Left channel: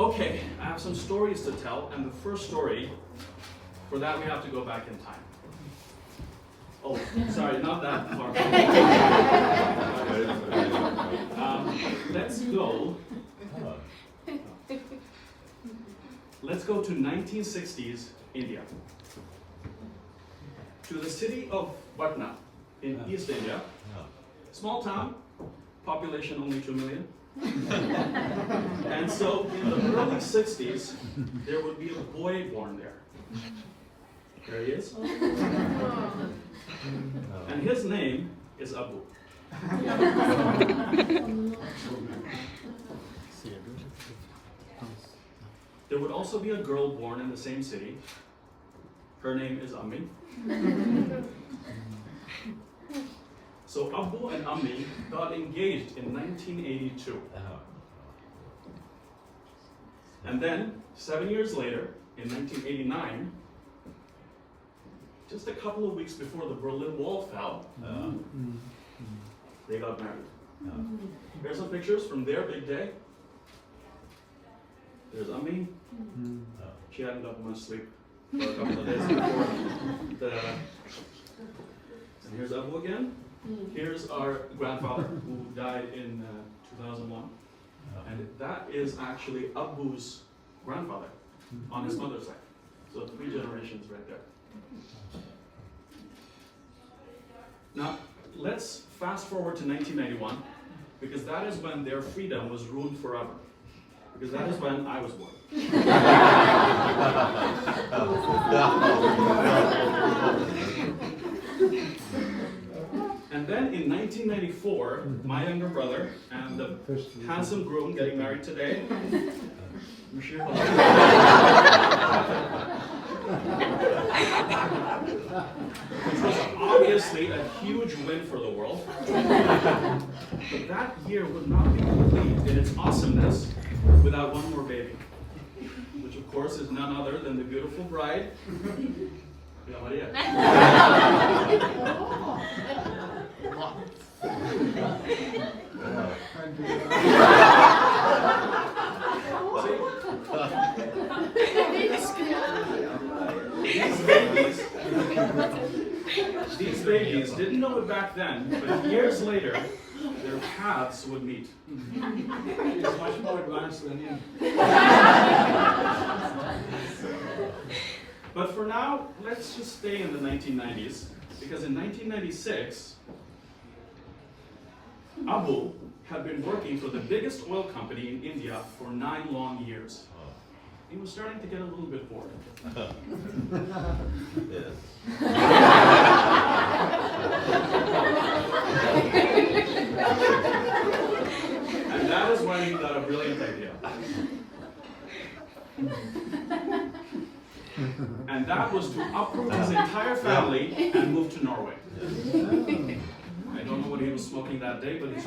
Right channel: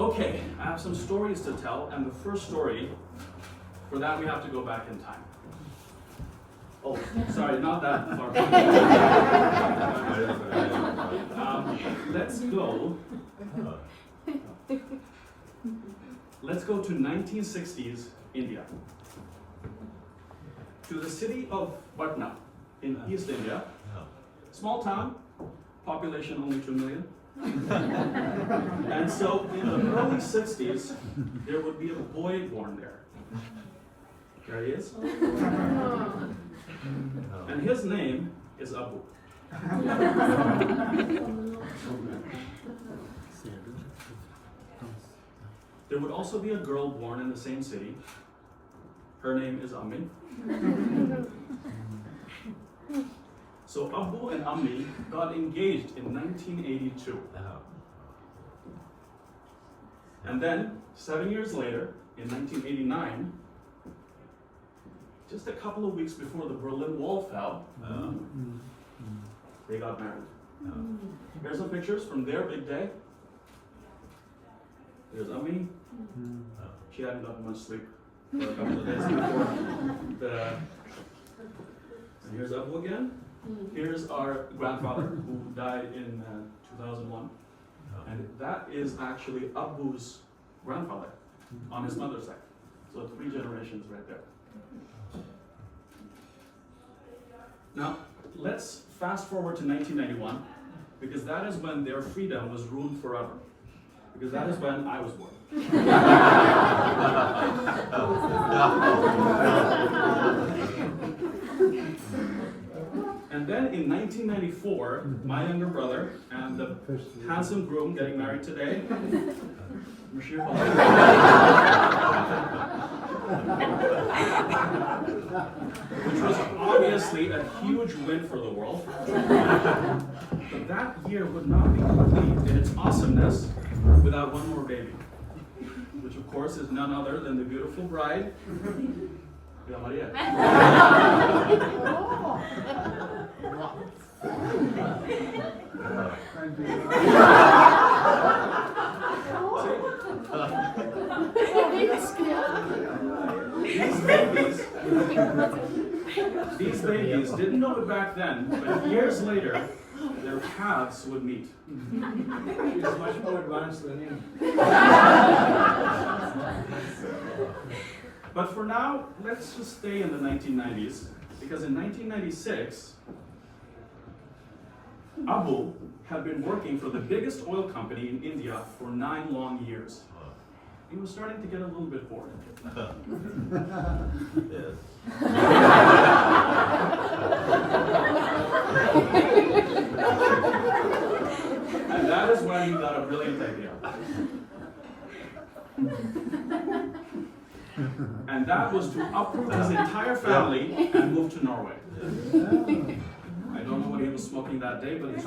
Okay, I have some stories to tell, and the first story, for that we have to go back in time. Oh, sorry, not that far. Let's go to 1960s India. To the city of Patna in East India. Small town, population only 2 million. And so in the early 60s, there would be a boy born there. There he is. And his name is Abu. There would also be a girl born in the same city. Her name is Ammi. So Abu and Ammi got engaged in 1982. And then, 7 years later, in 1989, just a couple of weeks before the Berlin Wall fell, they got married. Here's some pictures from their big day. There's Ammi. She hadn't gotten much sleep for a couple of days before and here's Abu again. Here's our grandfather who died in 2001. And that is actually Abu's grandfather on his mother's side. So 3 generations right there. Now, let's fast forward to 1991, because that is when their freedom was ruined forever. Because that is when I was born. And then in 1994, my younger brother and the handsome groom getting married today, Monsieur which was obviously a huge win for the world. But that year would not be complete in its awesomeness without one more baby, which of course is none other than the beautiful bride, Maria. These babies didn't know it back then, but years later, their paths would meet. It's much more advanced than you. But for now, let's just stay in the 1990s, because in 1996, Abu had been working for the biggest oil company in India for 9 long years. He was starting to get a little bit bored. And that is when he got a brilliant idea. And that was to uproot his entire family and move to Norway. I don't know what he was smoking that day, but he's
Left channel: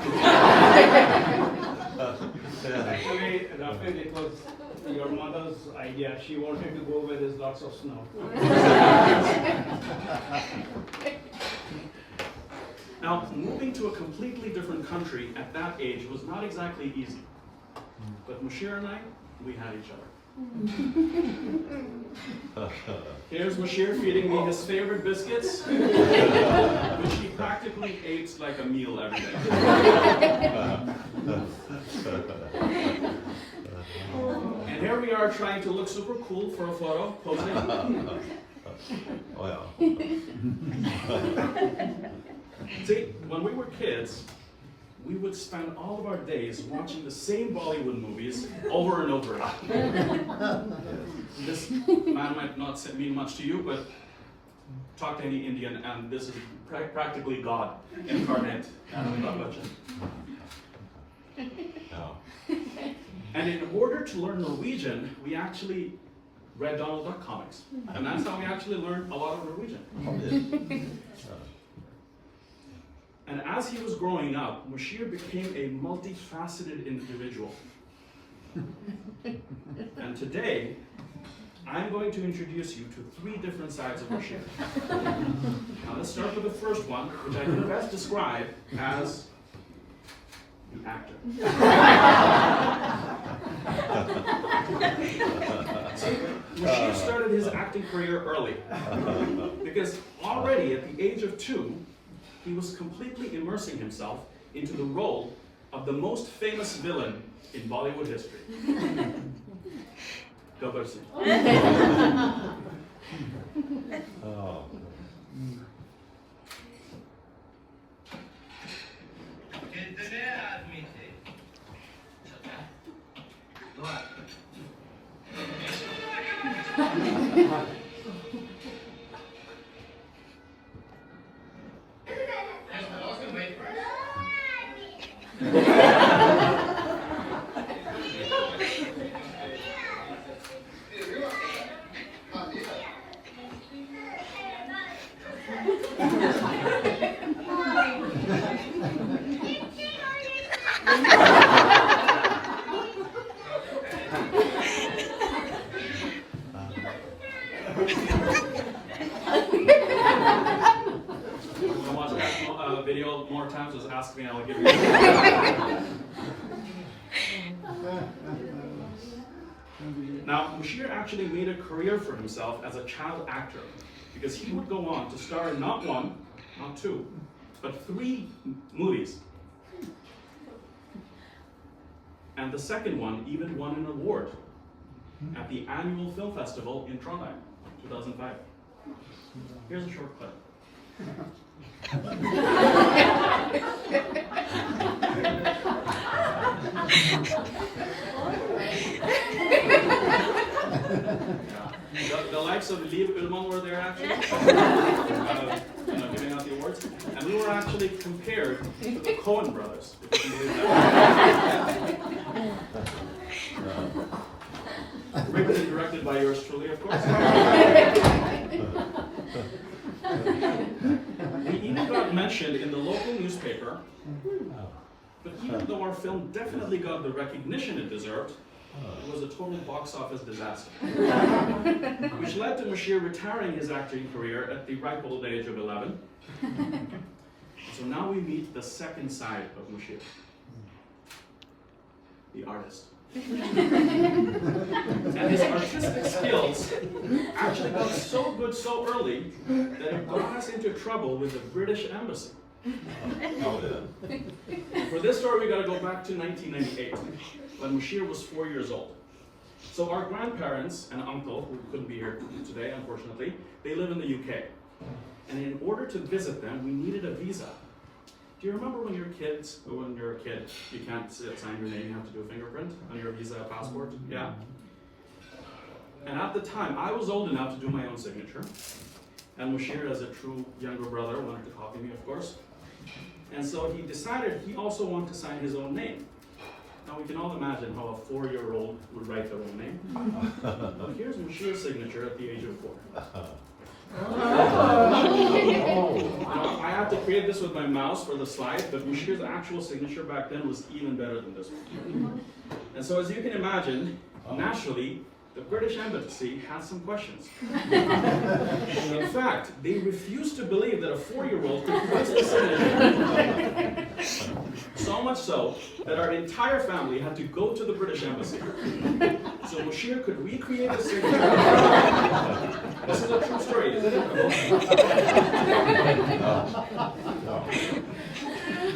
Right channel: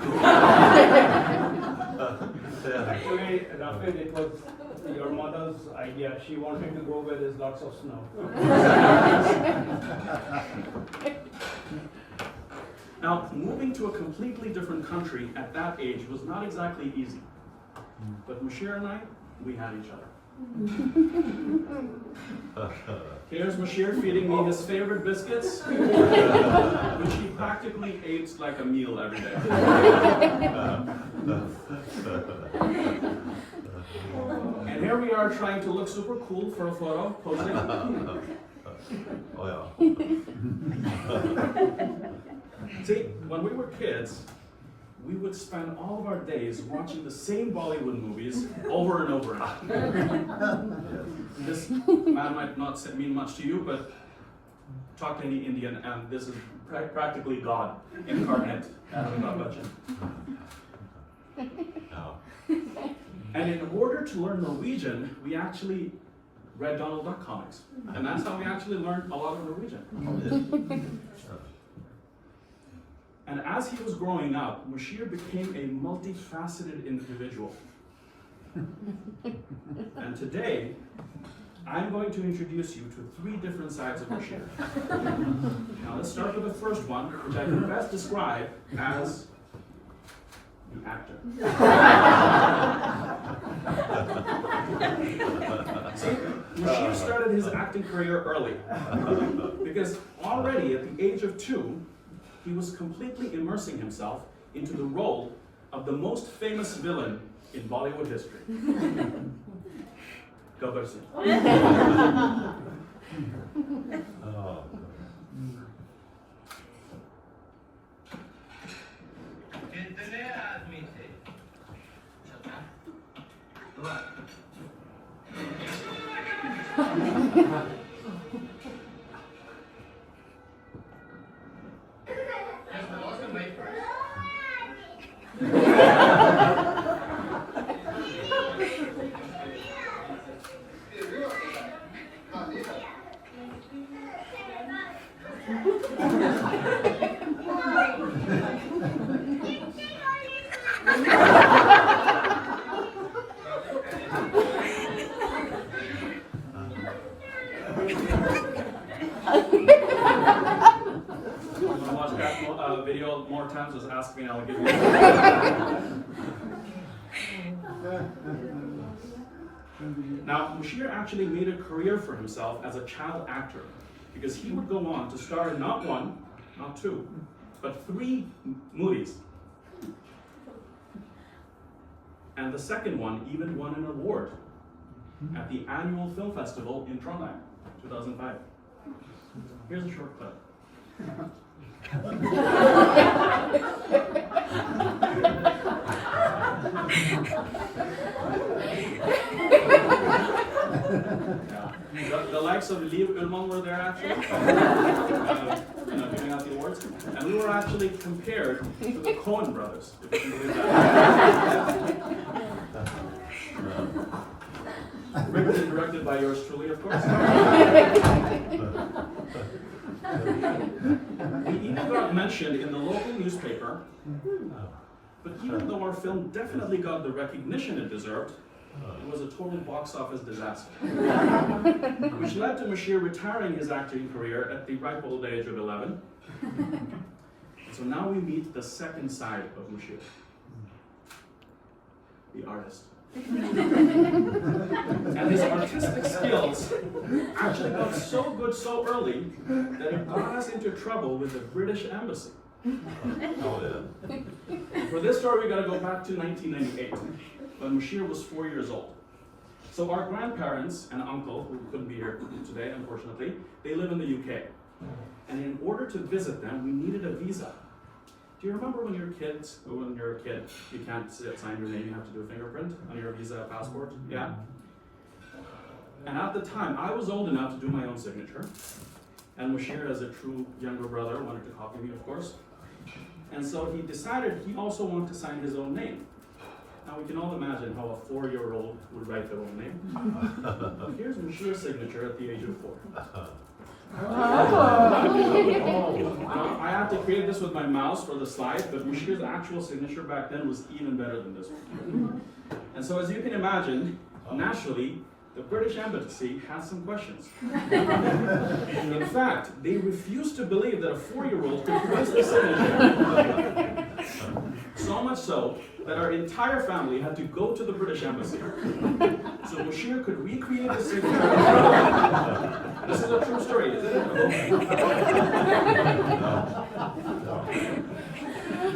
Actually, Rafael, it was your mother's idea. She wanted to go where there's lots of snow. Now, moving to a completely different country at that age was not exactly easy. But Mashir and I, we had each other. Here's Mashir feeding me his favorite biscuits, which he practically ate like a meal every day. And here we are trying to look super cool for a photo, posing. See, when we were kids, we would spend all of our days watching the same Bollywood movies over and over again. This man might not mean much to you, but talk to any Indian, and this is practically God incarnate. And in order to learn Norwegian, we actually read Donald Duck comics. And that's how we actually learned a lot of Norwegian. And as he was growing up, Mashir became a multifaceted individual. And today, I'm going to introduce you to 3 different sides of Mashir. Now let's start with the first one, which I can best describe as the actor. See, Mushir started his acting career early because already at the age of 2, he was completely immersing himself into the role of the most famous villain in Bollywood history. Gabbar Singh. Watch that video more times, just ask me and I'll give you Now, Mushir actually made a career for himself as a child actor because he would go on to star in not 1, not 2, but 3 movies. And the second one even won an award at the annual film festival in Trondheim, 2005. Here's a short clip. The likes of Liv Ullmann were there actually, giving out the awards, and we were actually compared to the Coen brothers, if you can believe that. Written and directed by yours truly, of course. We even got mentioned in the local newspaper, but even though our film definitely got the recognition it deserved, it was a total box office disaster. Which led to Mushir retiring his acting career at the ripe old age of 11. So now we meet the second side of Mushir, the artist. And his artistic skills actually got so good so early that it got us into trouble with the British Embassy. For this story, we got to go back to 1998, when Mushir was 4 years old. So our grandparents and uncle, who couldn't be here today, unfortunately, they live in the UK. And in order to visit them, we needed a visa. Do you remember when you're kids, or when you're a kid, you can't sign your name, you have to do a fingerprint on your visa passport? Yeah? And at the time, I was old enough to do my own signature. And Mushir, as a true younger brother, wanted to copy me, of course. And so he decided he also wanted to sign his own name. Now we can all imagine how a 4-year-old would write their own name. But here's Mushir's signature at the age of 4. Now, I had to create this with my mouse for the slide, but Mushir's actual signature back then was even better than this one. And so as you can imagine, naturally, the British Embassy has some questions. In fact, they refused to believe that a 4-year-old could press the signature. So much so that our entire family had to go to the British Embassy. So Mushir could recreate the signature. This is a true story, isn't it?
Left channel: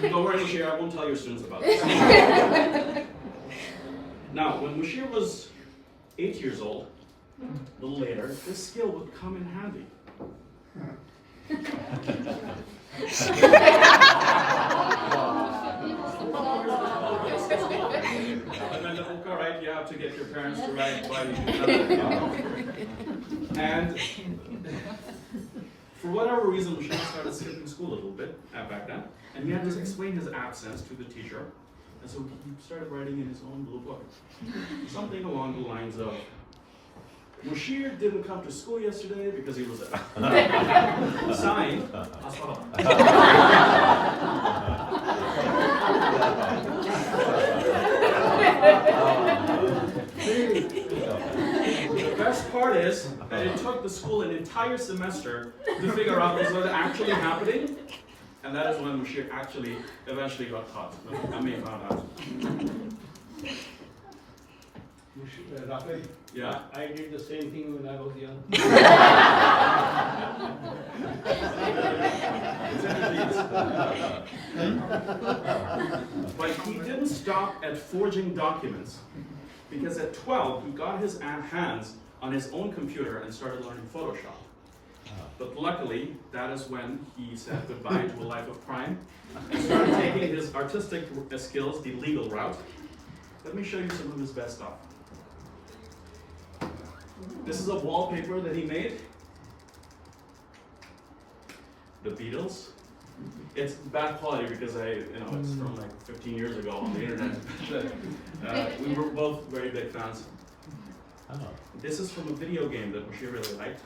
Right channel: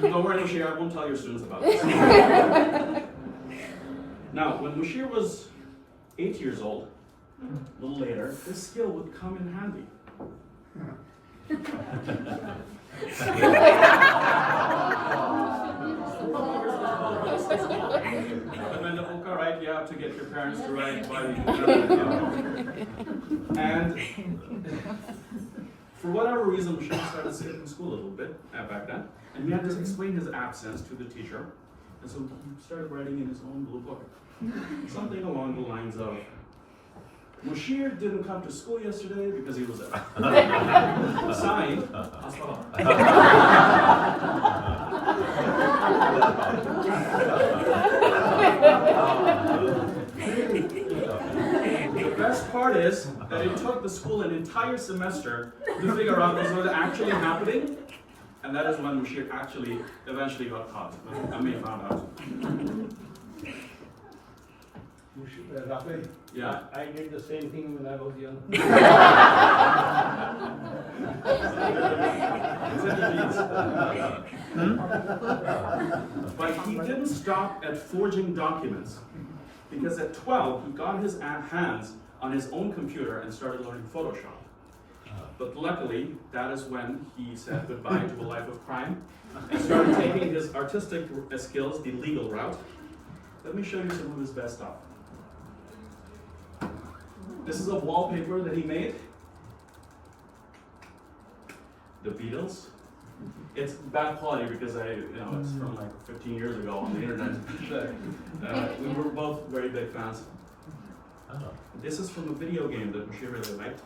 Don't worry, Mushir, I won't tell your students about this. Now, when Mushir was 8 years old, a little later, this skill would come in handy. When the book, right, you have to get your parents to write while you do that. And for whatever reason, Mushir started skipping school a little bit back then, and he had to explain his absence to the teacher. And so he started writing in his own blue book something along the lines of, Mushir didn't come to school yesterday because he was ill. Signed, Asfala. The best part is that it took the school an entire semester to figure out what was actually happening. And that is when Mushir actually eventually got caught. I may have found out. Rafael, Yeah. I did the same thing when I was young. But he didn't stop at forging documents, because at 12 he got his hands on his own computer and started learning Photoshop. But luckily, that is when he said goodbye to a life of crime and started taking his artistic skills the legal route. Let me show you some of his best stuff. This is a wallpaper that he made. The Beatles. It's bad quality because it's from like 15 years ago on the internet. We were both very big fans. This is from a video game that Bashir really liked.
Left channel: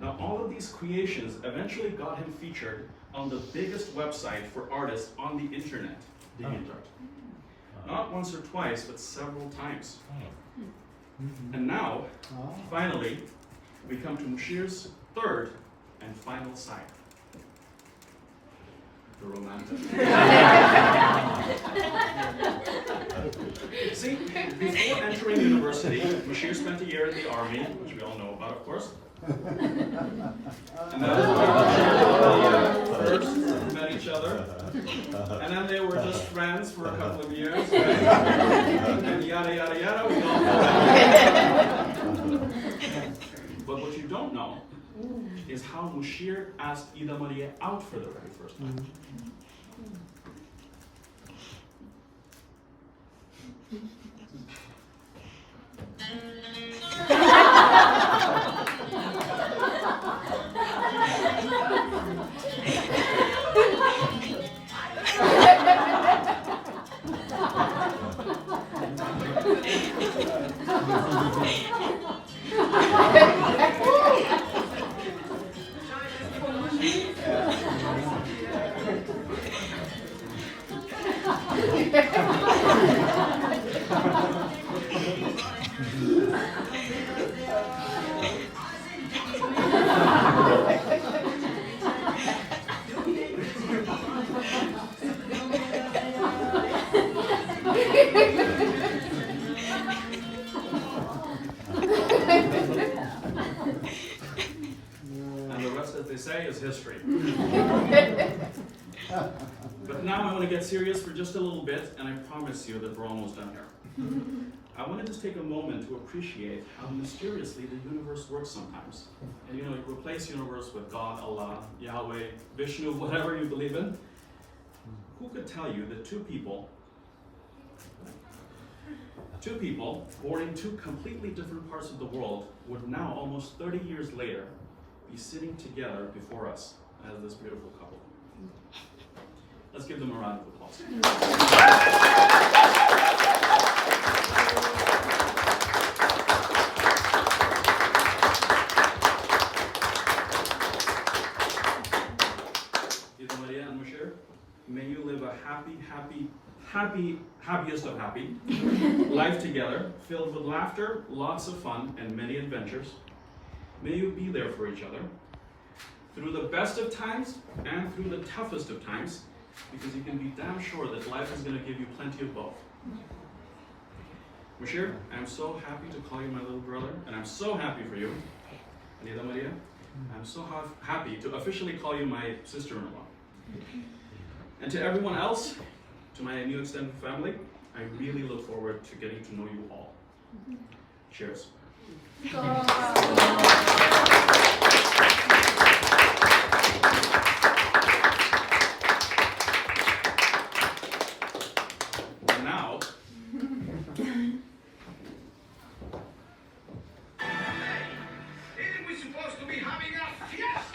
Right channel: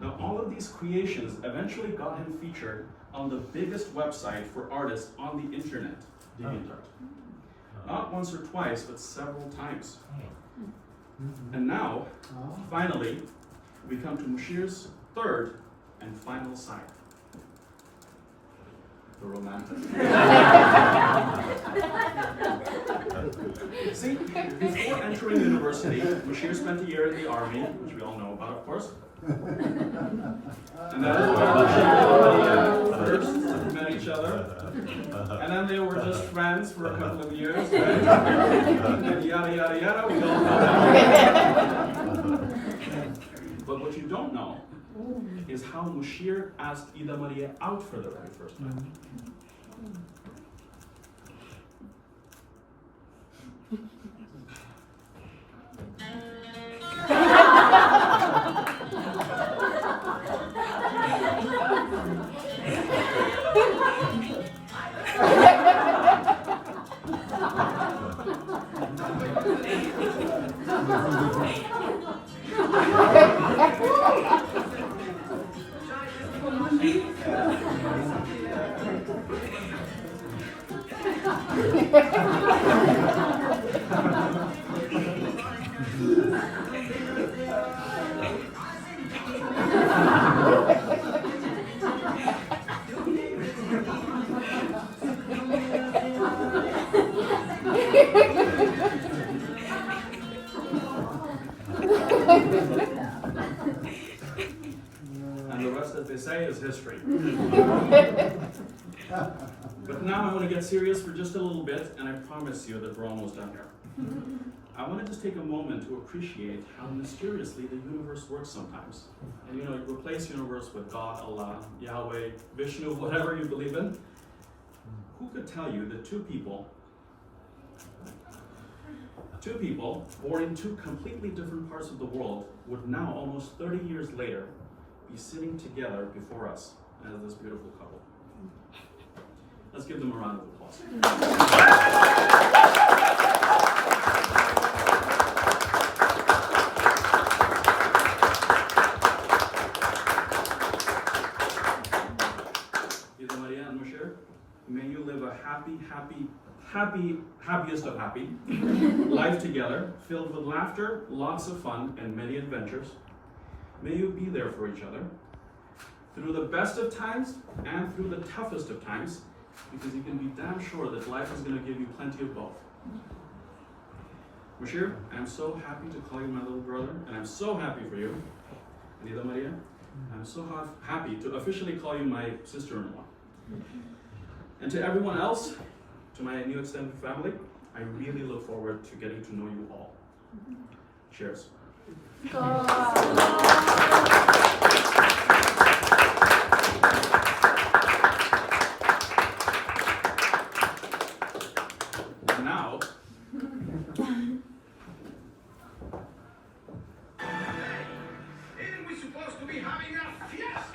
Now, all of these creations eventually got him featured on the biggest website for artists on the internet, DeviantArt. Not once or twice, but several times. And now, finally, we come to Mushir's third and final side. The romantic. See, before entering university, Mushir spent a year in the army, which we all know about, of course. And that is where they first met each other. And then they were just friends for a couple of years, right? And yada, yada, yada, we all know that. But what you don't know is how Mushir asked Ida Maria out for the very first time. And the rest, as they say, is history. But now I want to get serious for just a little bit, and I promise you that we're almost done here. I want to just take a moment to appreciate how mysteriously the universe works sometimes. And you replace universe with God, Allah, Yahweh, Vishnu, whatever you believe in. Who could tell you that two people born in two completely different parts of the world would now, almost 30 years later, be sitting together before us as this beautiful couple? Let's give them a round of applause. Ida Maria and Mushir, may you live a happiest of happy life together, filled with laughter, lots of fun, and many adventures. May you be there for each other through the best of times and through the toughest of times, because you can be damn sure that life is going to give you plenty of both. Mushir, I'm so happy to call you my little brother, and I'm so happy for you. And Ida Maria, I'm so happy to officially call you my sister-in-law. And to everyone else, to my new extended family, I really look forward to getting to know you all. Cheers. And now, Isn't we supposed to be having a fiesta?